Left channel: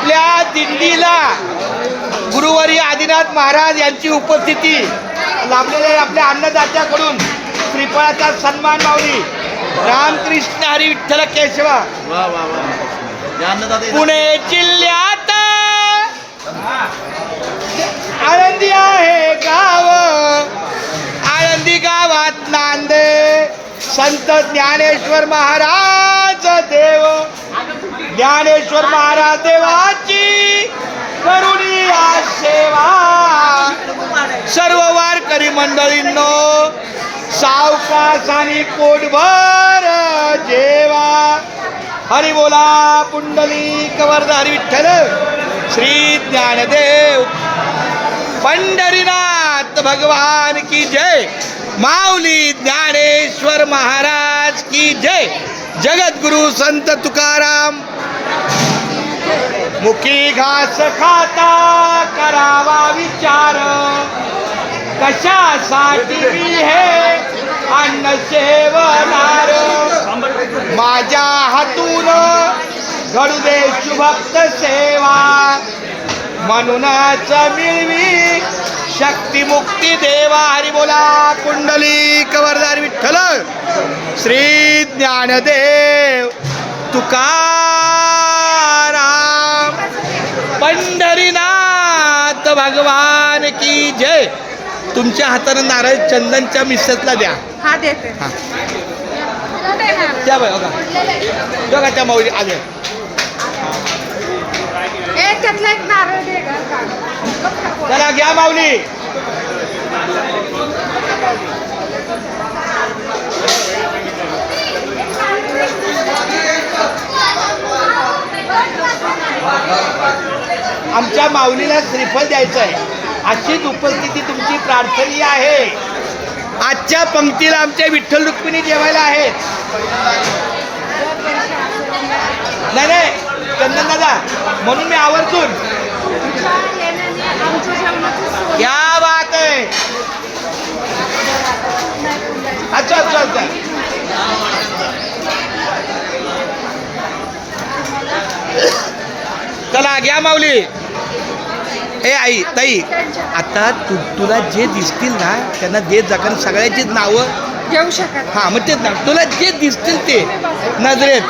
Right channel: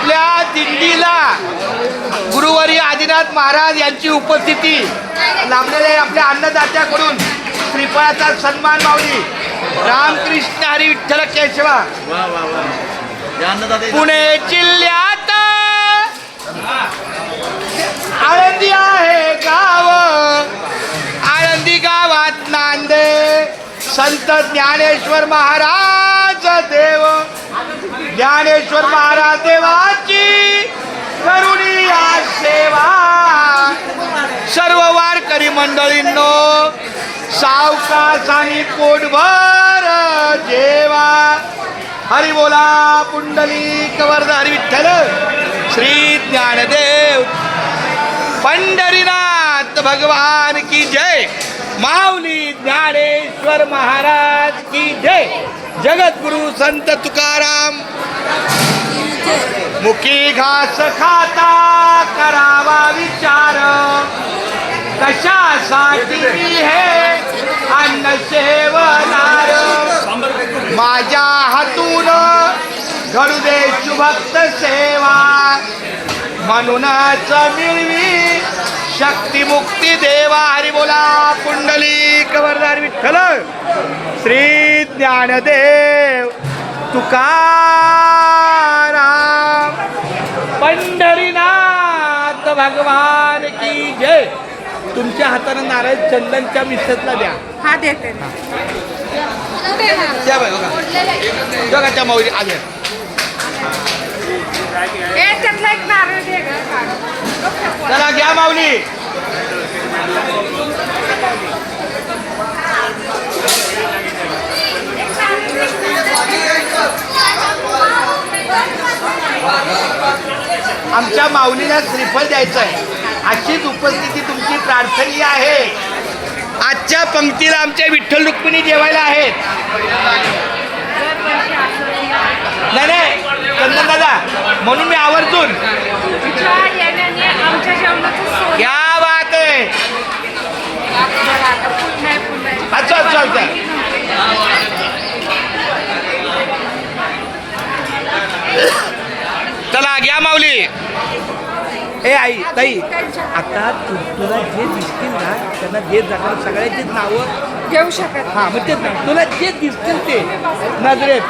आपल्या दिंडीला गुरुवारी आदिनाथ महाराज यांची उपस्थिती लाभलेल्या आहे. आपल्या अन्नदात्याकडून श्रीफळाचा सन्मान माऊली. रामकृष्ण हरी विठ्ठल केशवा. वा वा वा. या अन्नदाते पुणे जिल्ह्यात आळंदी आहे गाव. आळंदी गावात नांदे संत ज्ञानेश्वर महाराज देव. ज्ञानेश्वर महाराज देवाची करुणी आज सेवा. सर्व वारकरी मंडळींनो सावकाशाने पोटभर जेवा. हरी बोला पुंडलिक वरद हरी विठ्ठल श्री ज्ञानदेव पंढरीनाथ भगवान की जय. माऊली ज्ञानेश्वर महाराज की जय. जगद्गुरु संत तुकाराम. मुखी घास खाता करावा विचार. कशासाठी हे अन्न सेवनार. माझ्या हातून घडू दे शुभक्त सेवा. म्हणूनच मिळवी शक्ती मुक्ती देवा. हरी बोला पुंडलिक वरद विठ्ठल श्री ज्ञानदेव तुकाराम. पंढरीनाथ भगवान की जय. तुमच्या हाताने नारळ चंदनच्या मिश्रतला द्या. हा देते. द्या बघा बघा त्या माऊली आले. त्यातला एक नारळ दे गं. चला घ्या माऊली. आमच्या माऊलीला श्रीफळ द्यायचं आहे. अशीच उपस्थिती तुमची प्रार्थनीय आहे. आजच्या पंक्तीला आमच्या विठ्ठल रुक्मिणी जेवायला आहेत. नाही चंदन दादा म्हणून मी आवर्जून आमच्या जेवणाचं क्या बात आहे. अच्छा अच्छा अच्छा. चला घ्या माऊली. ए आई ताई आता तुला जे दिसतील ना त्यांना देत जा. कारण सगळ्याचीच नावं घेऊ शकत. हां मग तेच ना तुला जे दिसतील ते नजरेत.